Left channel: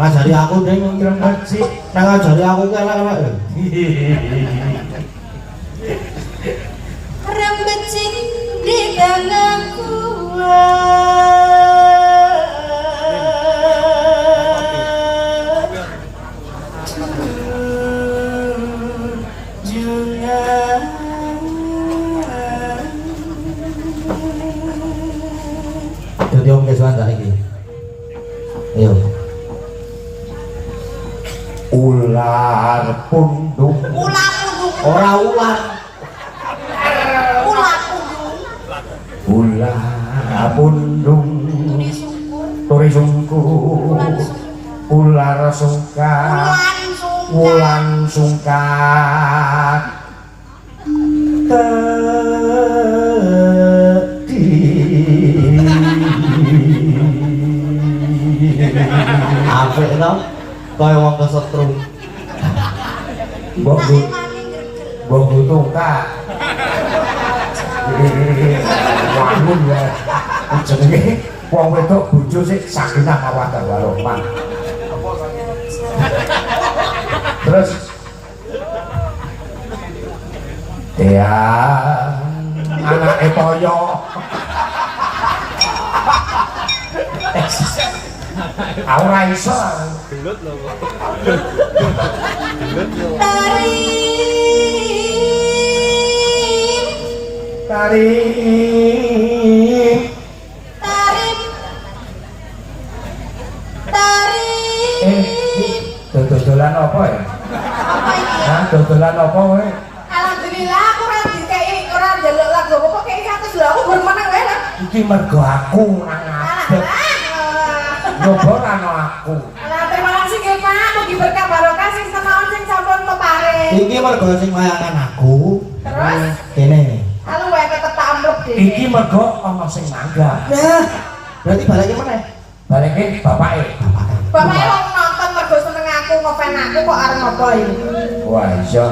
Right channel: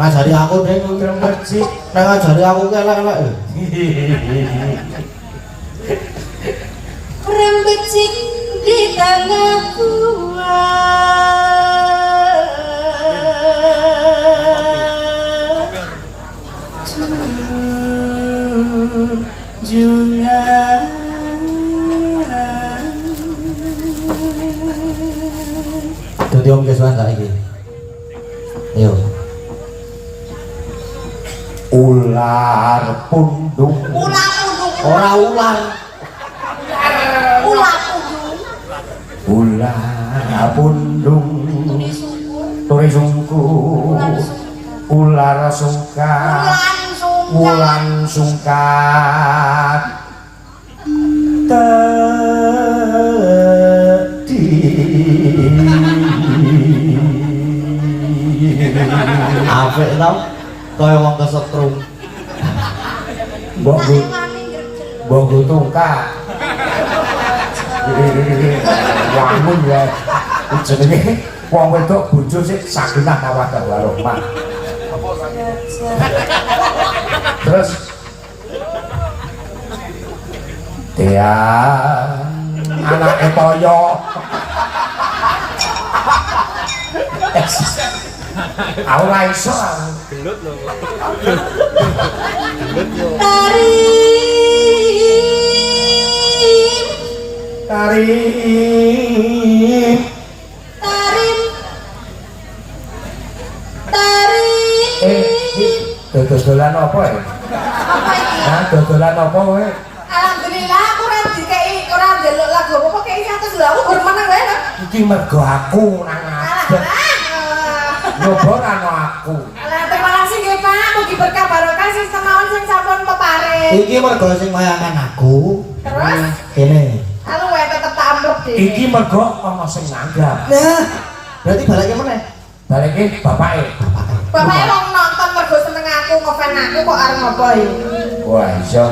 ngajari aku deh ngerti nang ngajari aku kelek-kelek rembecik di tanganku jungan dadi om kesuwen saiki yo ular pundung ora ular ular pundung turi sungku ular sungkat ulang sungkat tadi apik tau kaya wong kesetrum mbok tungkak amun ya jenenge wong wedok bojo sik sakinah mawaddah warahmah terus dia anake toyo ora iso gelut lho gelut yo tarim dodolan apa ya? Nah, dodolan apa kowe? Alhamdulillah aku ora dikeki ora njaluk lagu apa kok kei 100 lho aku gur meneng wae. Iki mergo aku nang ngadeg. Nyoba ana aku. Lah terima kasih nggih Pak, mugi berkah barokah sing seneng sing sampun peparing. Iki mergo sing wayangan aku. Terus kene. Aku wae tetep tak ambek dhewe. Iki mergo ana sing nanggap. Nah, berarti balike meneh. Balike bapake. Bapake kok nonton mergo seneng aku ngofan aku kok arep apa iki? Wah, iya.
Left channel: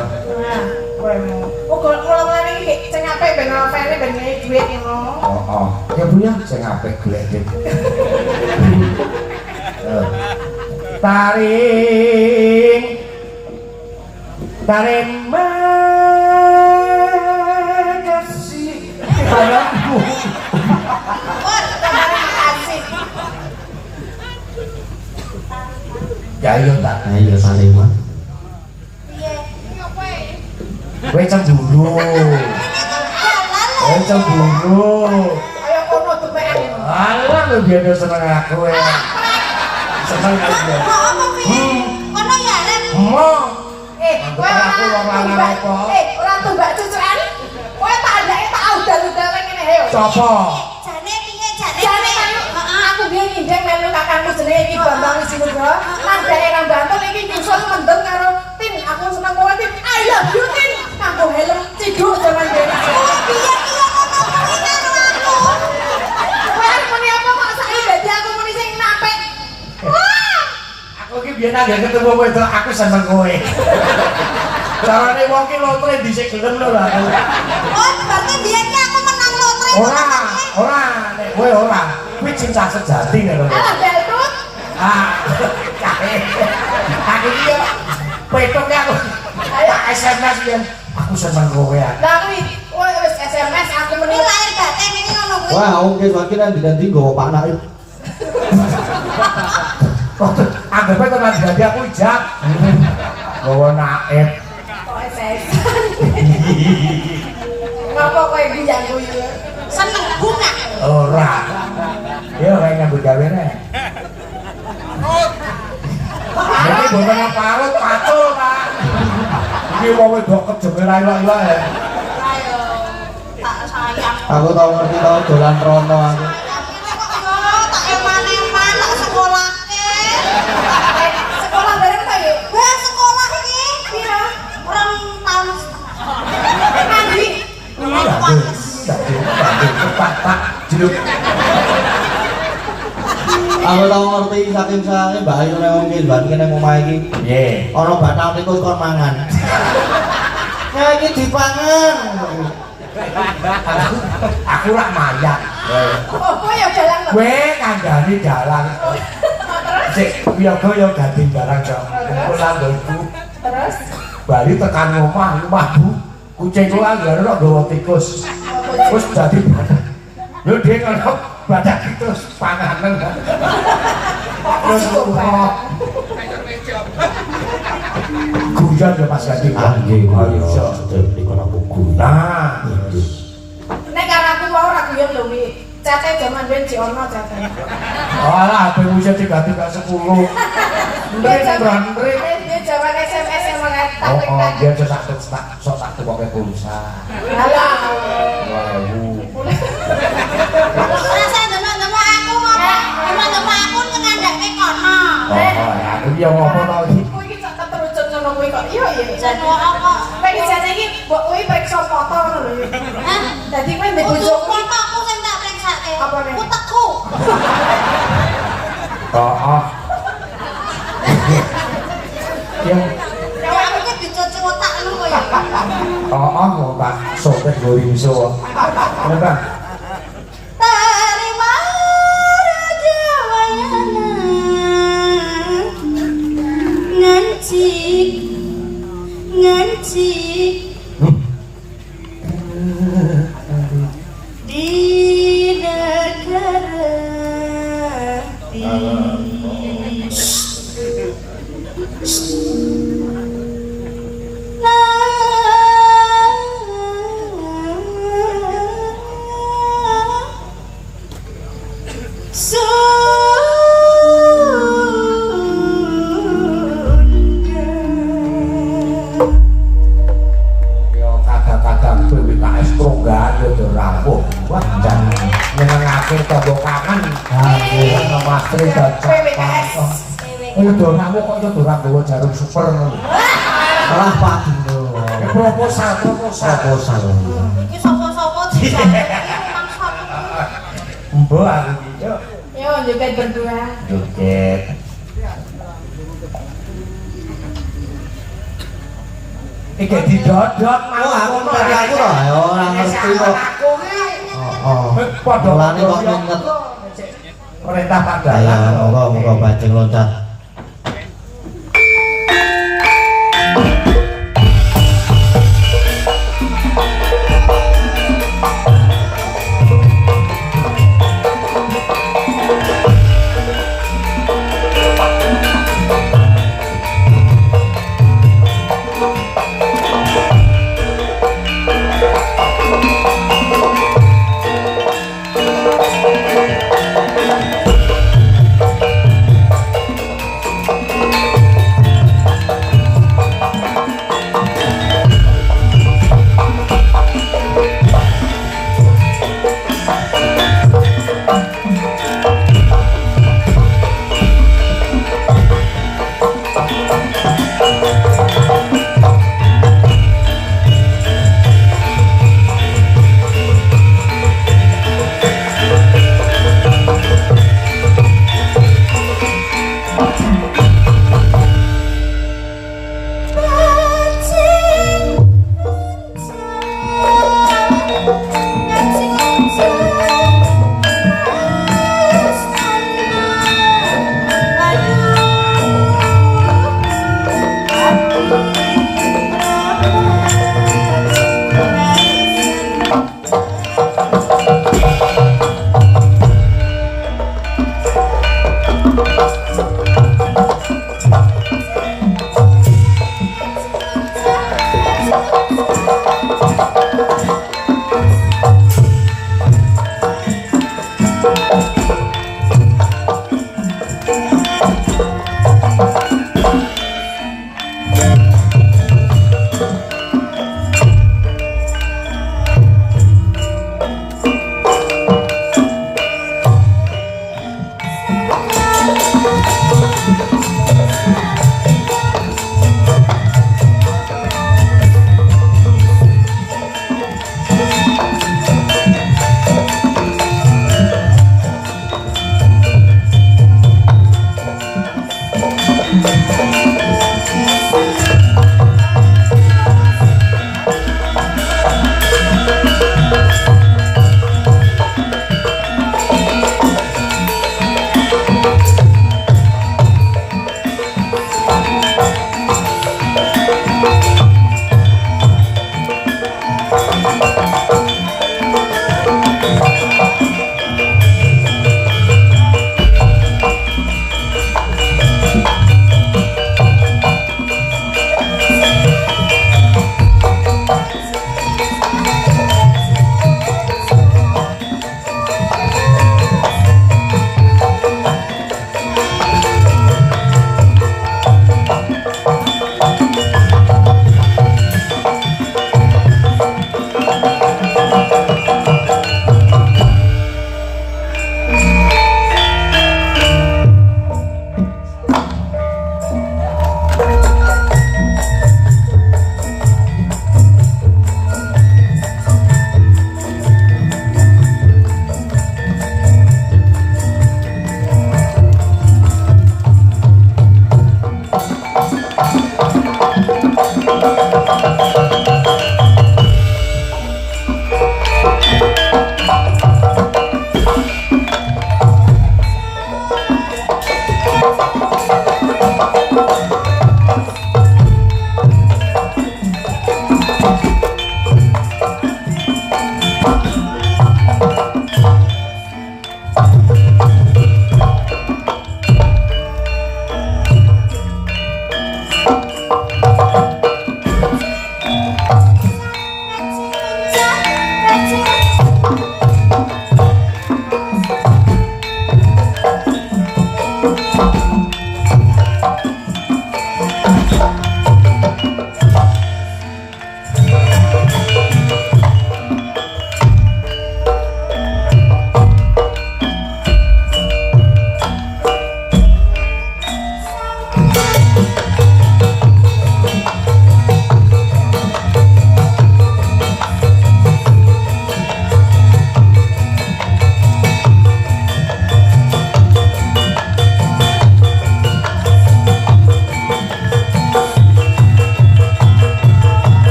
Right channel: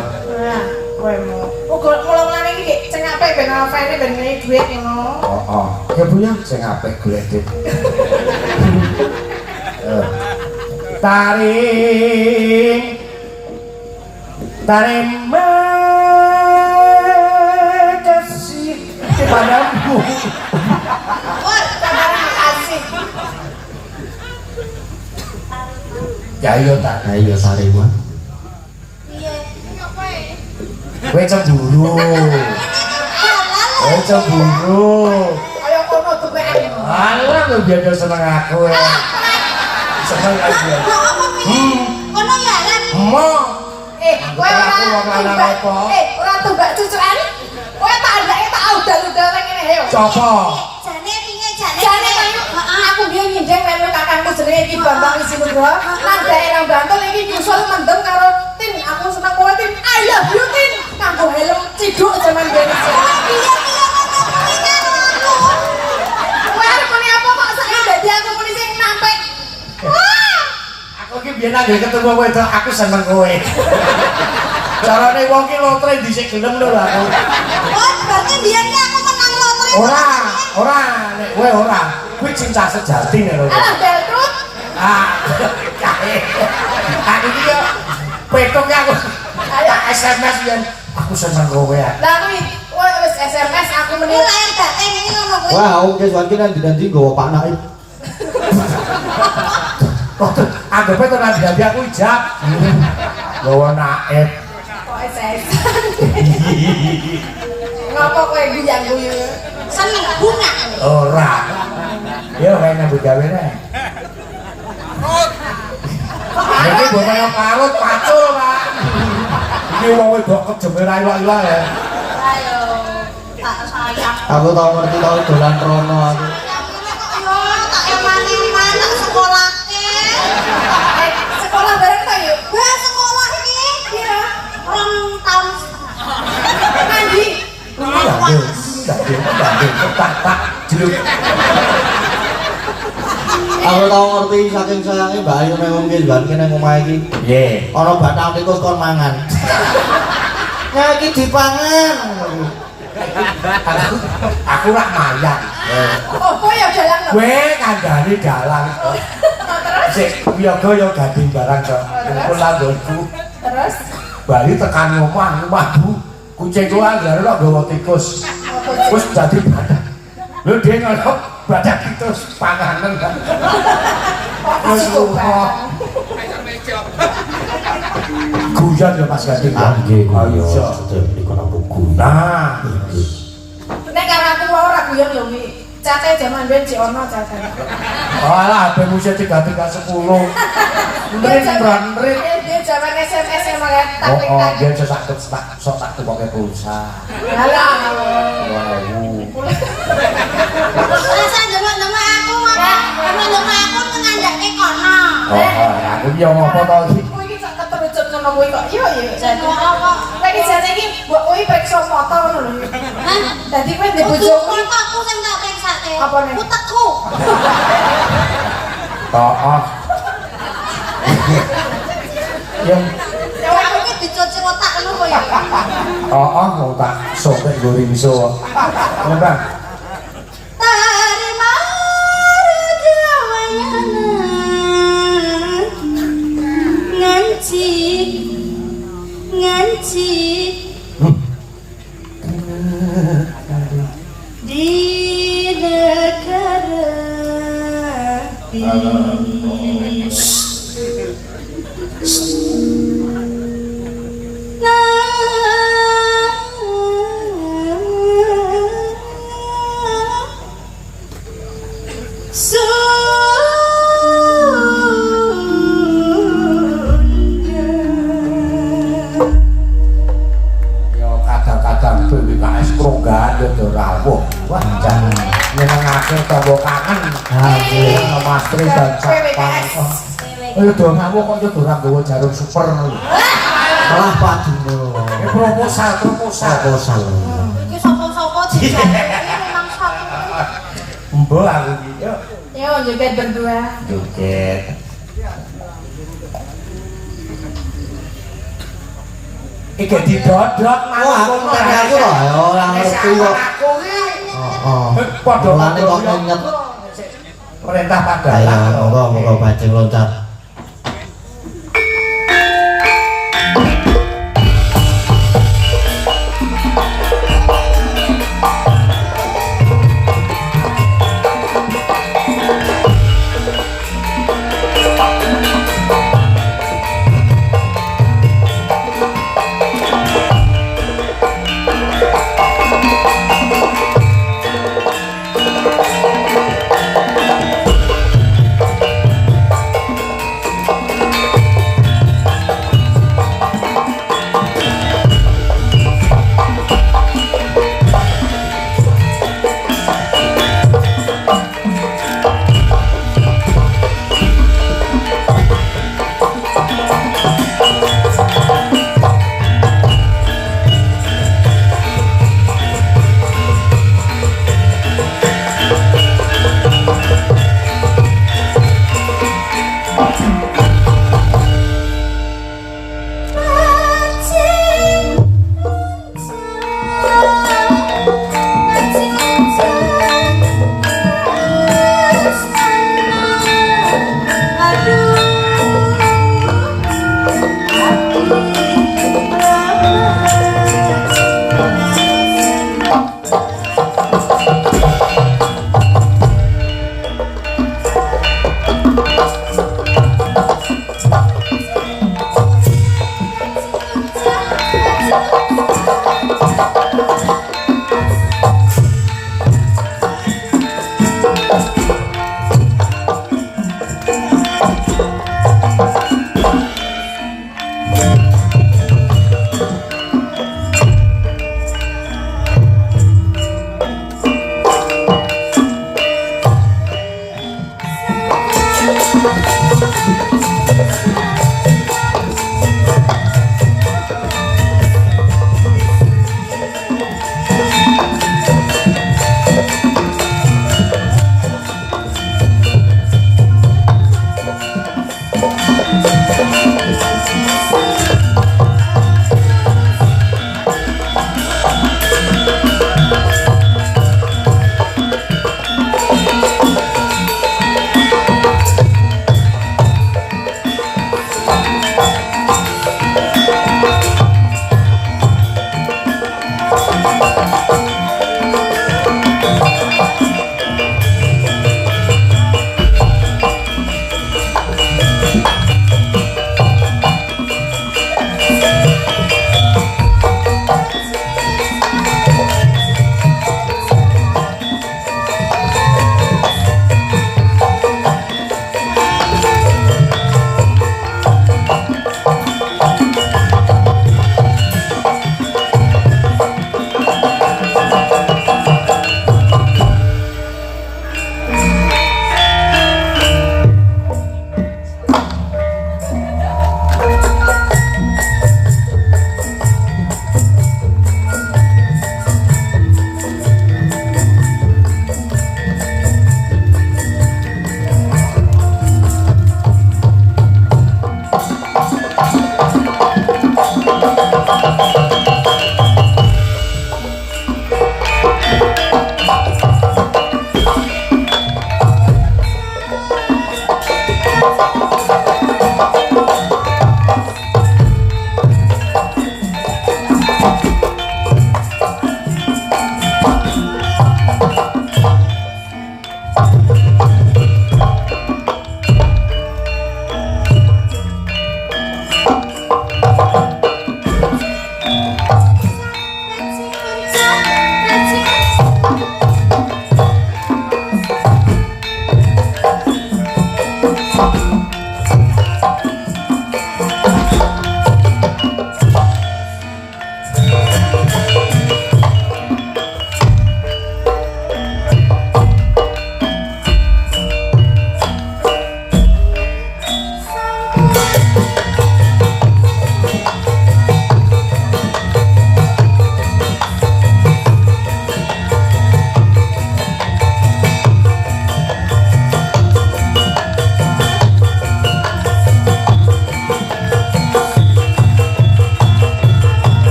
Kowe mau. Kok kula ngene iki sing apik ben ngofani ben ngene dhuwit ngono. Oh. Ya Bu ya, sing apik golek dik. Taring makasih padamu. Wah, terima kasih. Ya ayo tak ayo taring mah. Piye? Ngopo e? Kowe cemburu. Oh cemburu. Ayo kono tuweken. Alah lu biar seneng aku ya. Seneng aku. Kono ya lan. Mo. Kowe ora tumbak cucukan. Kowe tak andake tak udan-udan ngene ayo. Sopo? Jane piye jane? Jane aku biyen nyindeng melu kakangku jenenge Ki Bambang Wisinugro. Andake nang Bantul iki nyusul mendem karo Tin. Aku seneng kowe Tin. I love you Tin. Nganggo helm ciduk jaman biyen. Biyen nang ketemu kowe aku seneng kowe. Carane wong ki lotre dhisik gelem lho aku. Oh, berarti biyen ki aku menang lotre. Ora, nek kowe ora. Kuwi cinta sejati nek kowe. Ah, Beltrut. Aku iki yo petok aku. Ayo SMS biyen aku seneng kowe ya. Lah kuwi kowe wis SMS aku meni lahir batin ini ngono kuwi. Wah, oke saiki nang ndi-ndi nggowo Pak Naim. Waktu anggapnya tenan jadi aku ijab bawa naik Kok SS ngapa kowe guyang-guyang seneng bunga ora ya kayak nyambut gawe nih ini bono parut pacul Pak ini wong wedok kejemir ae wae ya ayo tak sayang Aku tau ngerti tau dolan rono aku. Sekolah bareng ta yuk? Sekolah iki kira 2 tahun. Mandi. Tak jeluk. Aku tau ngerti saking sange Mbak Ayu nek ngomong ki kene omah iki. Nggih. Ana bathang tikus kon mangan. Ya iki dipangan. Aku rak mayang. Oh, kowe ya jalan lho. Kowe kandhane dalang. Sik wiyaga ya gading barang kok. Kumpul langgonku. Terus Bali tekan omah mlaku. Kucing kula nggone kok nggawa tikus. Wis dadi badak. Lho dhek ngono badak tikus panganan. Terus guyon ya Mas Gading. Nggih, Ayo. sedep dikono buku. Nah, nek karo aku ora guyon lho iki. Cate jaman ben jek ono cate. alah HP musim 3310. Ndrit ndrit. Dia jaman SMS yang tak Oh, klik oh, tak. dia sok tak tukoke pulsa. Alah. Rasa demak-demak aku ngono. Demak-demak aku ngandake kono. Oh, aku yo ngopo to iki? Kowe iki sak keterucut ngono kowe kok. Iya ya. Jadi kowe iki jane iki mbok kowe periksa foto ngono lho. Hah? Dadi kowe ndek Kudu bojoku fotoku sing tak periksake. Apa nih? Utekku. Oh. Yang Kowe aku ki dicuci otak lu kowe. mau tak sobek goringso. Kan. Terima raja wayana. Nganci. Di negara ini. Yo kadang-kadang PPKS Prongga yo rawuh. Wah, jan nyenengake tombol kangen. Aduh, Mas Tri PPKS. Ayo do rawuh kok yo ora nggawa jarum super ngono. Malah pagi lho. Proposal. Proposal. Iki sapa-sapa iki memang sapa. Mbok aku iki yo Yo joget berdua. joget. Iki didodok Oh, aku ngerti aku lho, ora ngerti kok. Aku iki Oh. padha Mulane kok nginget. perintah Ayo, Pandalang. monggo bajeng loncat.